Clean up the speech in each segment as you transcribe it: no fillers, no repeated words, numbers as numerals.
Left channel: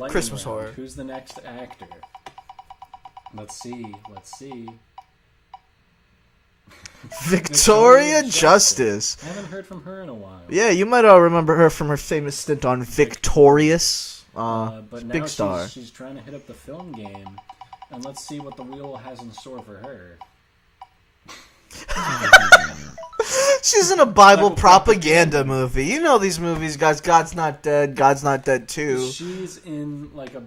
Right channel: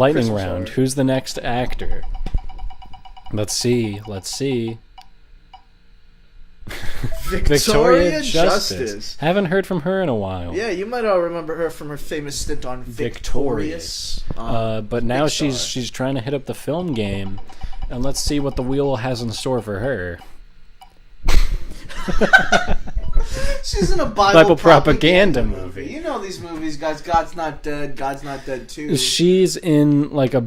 lightning Christmas round. horror. Who's the next actor? Let's see. Victoria Justice. Haven't heard from her in a while. Yeah, you might all remember her from her famous stint on Victorious. But now big star. she's trying to hit up the film game, and let's see what the wheel has in store for her. She's in a Bible propaganda propaganda movie. You know these movies, guys. God's Not Dead. God's Not Dead 2. She's in like a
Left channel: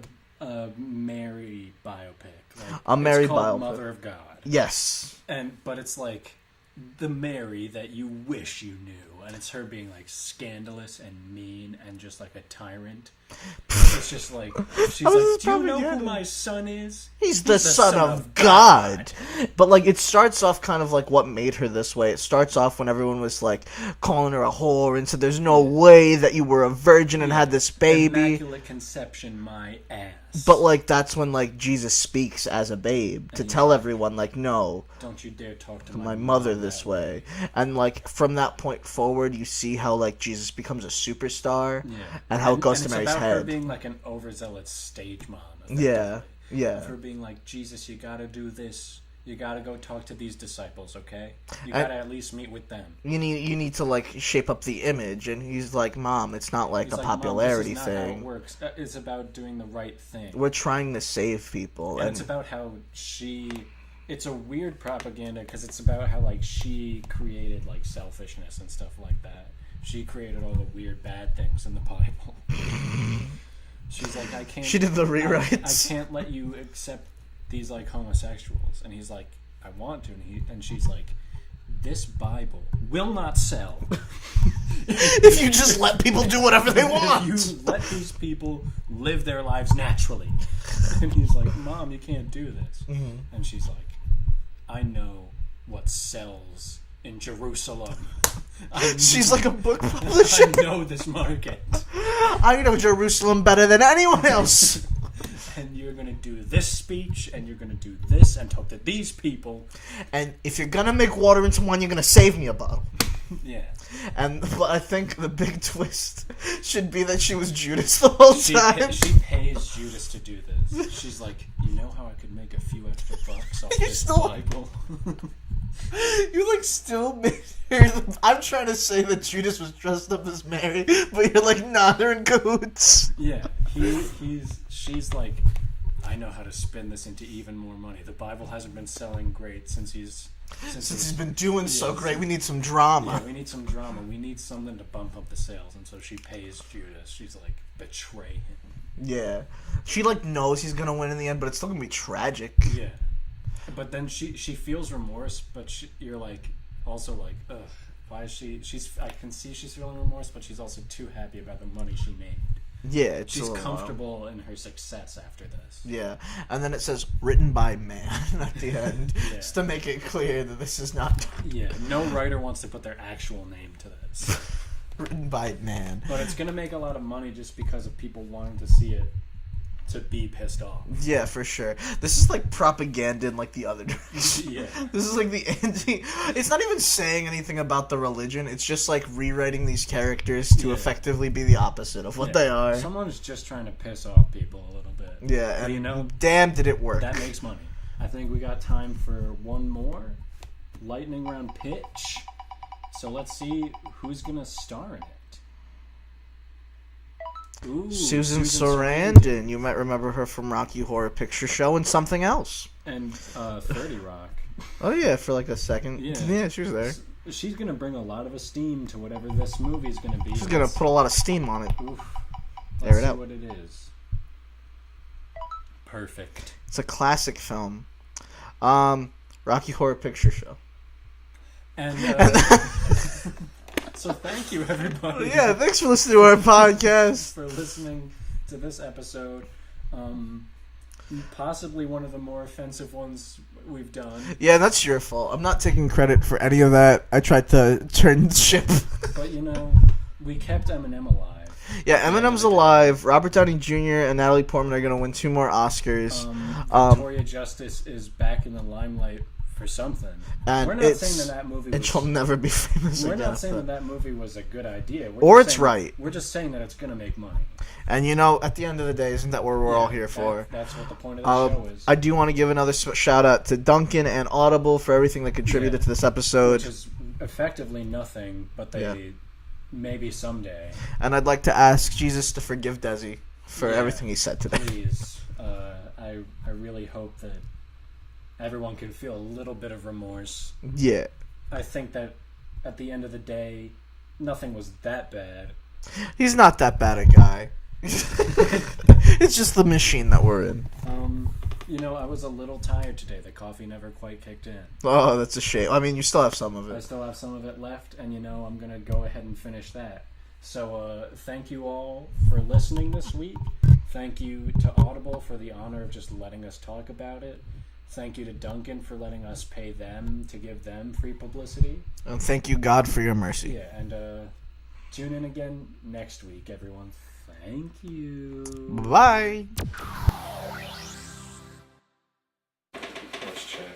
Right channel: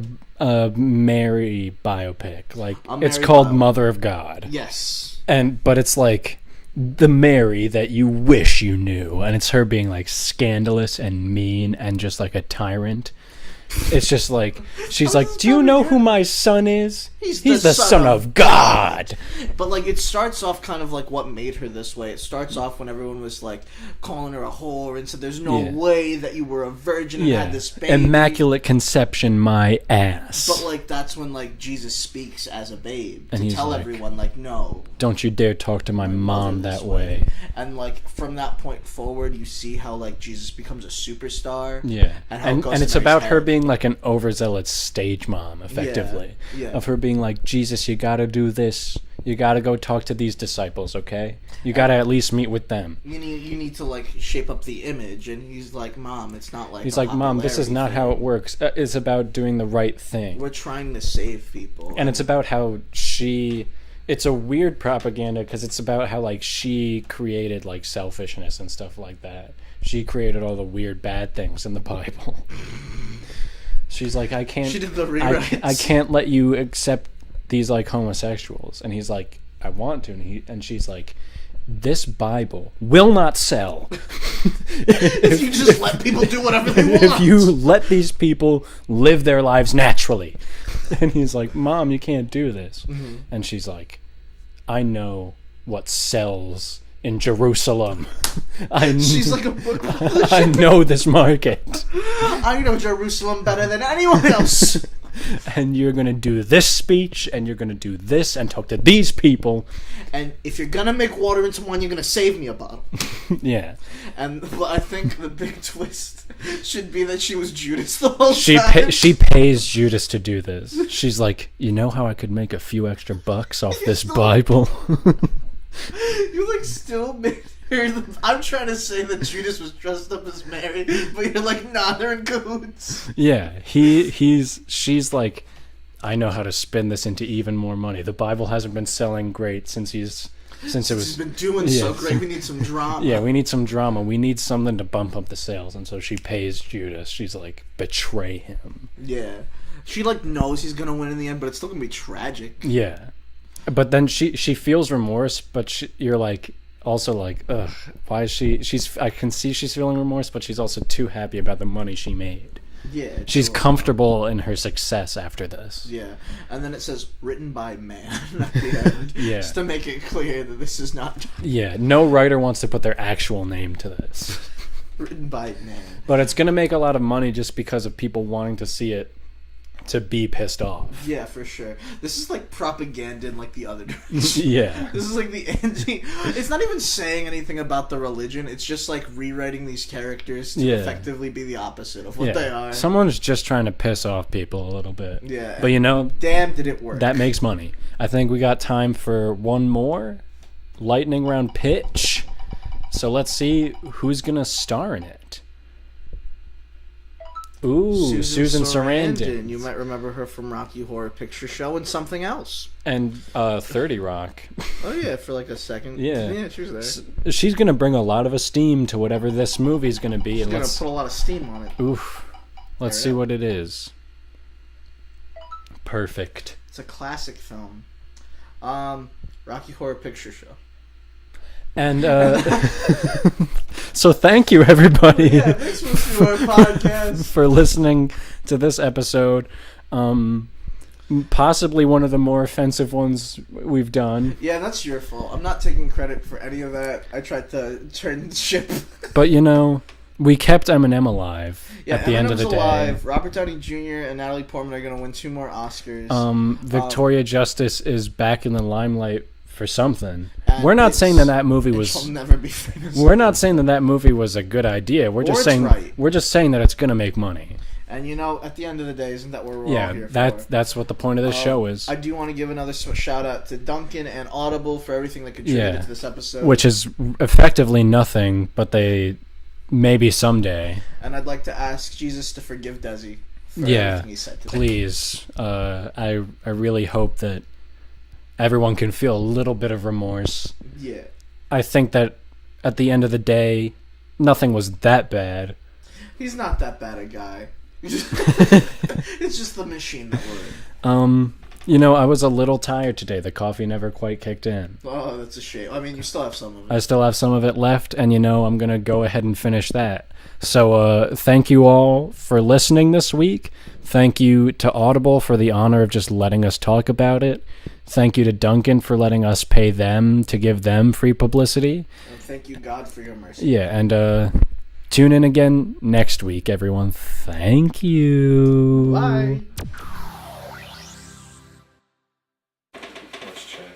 Mary biopic. Like A it's Mary called biopic. Mother of God. Yes. But it's like the Mary that you wish you knew, and it's her being like scandalous and mean and just like a tyrant. It's just like she's like, "Do you know who my son is? He's the the son of God." But like it starts off kind of like what made her this way. It starts off when everyone was like calling her a whore and said there's no way that you were a virgin and had this baby. Immaculate conception, my ass. But like that's when like Jesus speaks as a babe to tell like, everyone like, no, don't you dare talk to my mother mom this that way. And like from that point forward, you see how like Jesus becomes a superstar. Yeah, and how it goes and to it's Mary's about her head. being like an overzealous stage mom, effectively. Yeah. Of her being like, Jesus, you gotta do this. You gotta go talk to these disciples, okay? You gotta at least meet with them. You need to like shape up the image, and he's like, Mom, it's not like He's a like, Mom, this is popularity not how thing. it works. It's about doing the right thing. We're trying to save people, And it's about how it's a weird propaganda because it's about how like she created like selfishness and stuff like that. She created all the weird bad things in the Bible. She's like, I can't. She did the rewrites. I can't let you accept these like homosexuals. And he's like, I want to. And she's like, this Bible will not sell if you just let people do whatever they want. if you let these people live their lives naturally. And he's like, Mom, you can't do this. Mm-hmm. And she's like, I know what sells in Jerusalem. She's like a book publisher. I know this market. I know Jerusalem better than anyone else. And you're going to do this speech, and you're going to do this, and talk to these people. And if you're going to make water into wine, you're going to save me a bottle. Yeah. And I think the big twist should be that she was Judas the whole time. She pays Judas to do this. She's like, you know how I could make a few extra bucks off this Bible? You like still made her. I'm trying to say that Judas was dressed up as Mary, but you're like, nah, they're in cahoots. Yeah, she's like, I know how to spin this into even more money. The Bible hasn't been selling great since he's been doing so great. We need some drama. Yeah, we need some drama. We need something to bump up the sales, and so she pays Judas. She's like, betray him. Yeah, she like knows he's gonna win in the end, but it's still gonna be tragic. Yeah, but then she feels remorse, but you're like also like, ugh, why is she's I can see she's feeling remorse, but she's also too happy about the money she made. Yeah, she's comfortable in her success after this. Yeah, and then it says written by man at the end, just to make it clear that this is not. Yeah, no writer wants to put their actual name to this. Written by man, but it's gonna make a lot of money just because of people wanting to see it. To be pissed off. Yeah, for sure. This is like propaganda in like the other direction. Yeah. This is like the anti. It's not even saying anything about the religion. It's just like rewriting these characters to effectively be the opposite of what they are. Someone's just trying to piss off people a little bit. Yeah. But you know, damn, did it work? That makes money. I think we got time for one more lightning round pitch. So let's see who's gonna star in it. Ooh, Susan Sarandon. You might remember her from Rocky Horror Picture Show and something else. And 30 Rock. Oh, yeah, for like a second. Yeah, she was there. She's going to bring a lot of esteem to whatever this movie's going to be. She's going to put a lot of steam on it. Oof. Let's see what it is. Perfect. It's a classic film. Rocky Horror Picture Show. And so thank you, everybody. Yeah, thanks for listening to our podcast. For listening to this episode. Possibly one of the more offensive ones we've done. Yeah, that's your fault. I'm not taking credit for any of that. I tried to turn the ship. But, you know, we kept Eminem alive. Yeah, Eminem's alive. Robert Downey Jr. and Natalie Portman are going to win 2 more Oscars. Victoria Justice is back in the limelight for something. We're not saying that movie was. She'll never be famous. We're not saying that movie was a good idea. We're just saying that it's going to make money. And at the end of the day, isn't that what we're all here for? That's what the point of the show is. I do want to give another shout out to Duncan and Audible for everything they contributed to this episode. Which is effectively nothing, but they maybe someday. And I'd like to ask Jesus to forgive Desi for everything he said today. Please. I really hope that everyone can feel a little bit of remorse. Yeah. I think that at the end of the day, nothing was that bad. He's not that bad a guy. It's just the machine that we're in. I was a little tired today. The coffee never quite kicked in. Oh, that's a shame. I mean, you still have some of it. I still have some of it left, and I'm going to go ahead and finish that. So thank you all for listening this week. Thank you to Audible for the honor of just letting us talk about it. Thank you to Duncan for letting us pay them to give them free publicity. And thank you, God, for your mercy. Yeah, and tune in again next week, everyone. Thank you. Bye. Let's check.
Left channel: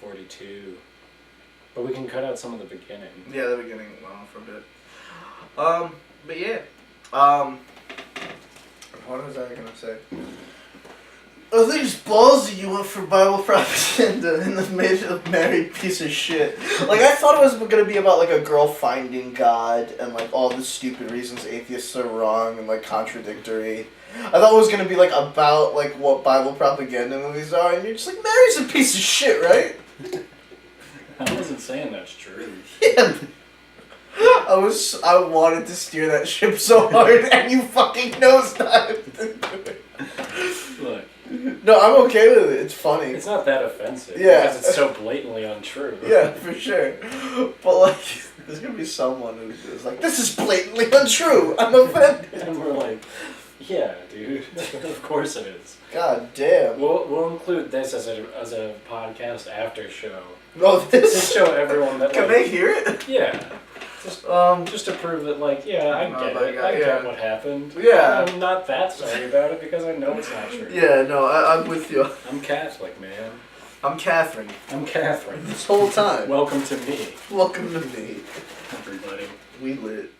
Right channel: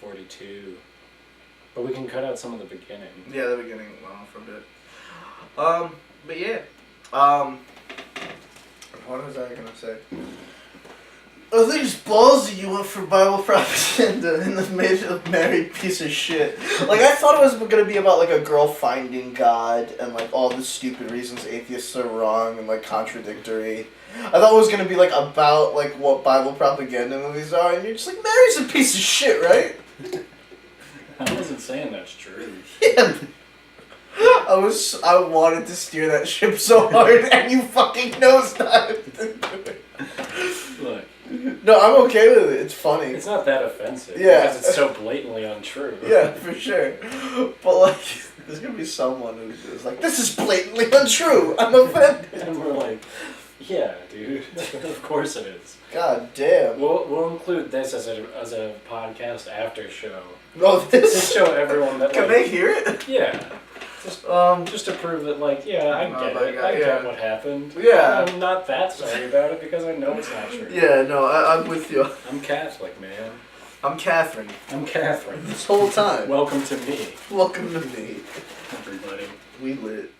42. But we can cut out some of the beginning. Yeah, the beginning went on for a bit. But yeah. What was I gonna say? I think it's ballsy you went for Bible propaganda and then made it a married piece of shit. Like, I thought it was gonna be about, like, a girl finding God and, like, all the stupid reasons atheists are wrong and, like, contradictory. I thought it was gonna be, like, about, like, what Bible propaganda movies are, and you're just like, Mary's a piece of shit, right? I wasn't saying that's true. Yeah. I wanted to steer that ship so hard, and you fucking nosedived into it. Look. No, I'm okay with it. It's funny. It's not that offensive. Yeah. Because it's so blatantly untrue. Yeah, for sure. But, like, there's gonna be someone who's like, this is blatantly untrue. I'm offended. And we're like, yeah, dude. Of course it is. God damn. We'll include this as a podcast after show. Oh, this? To show everyone that, Can they hear it? Yeah. Just to prove that, like, yeah, I get it. I get what happened. Yeah. I'm not that sorry about it because I know it's not true. Yeah, no, I'm with you. I'm Catholic, man. I'm Catherine. I'm Catherine. This whole time. Welcome to me. Welcome to me. Everybody. We lit.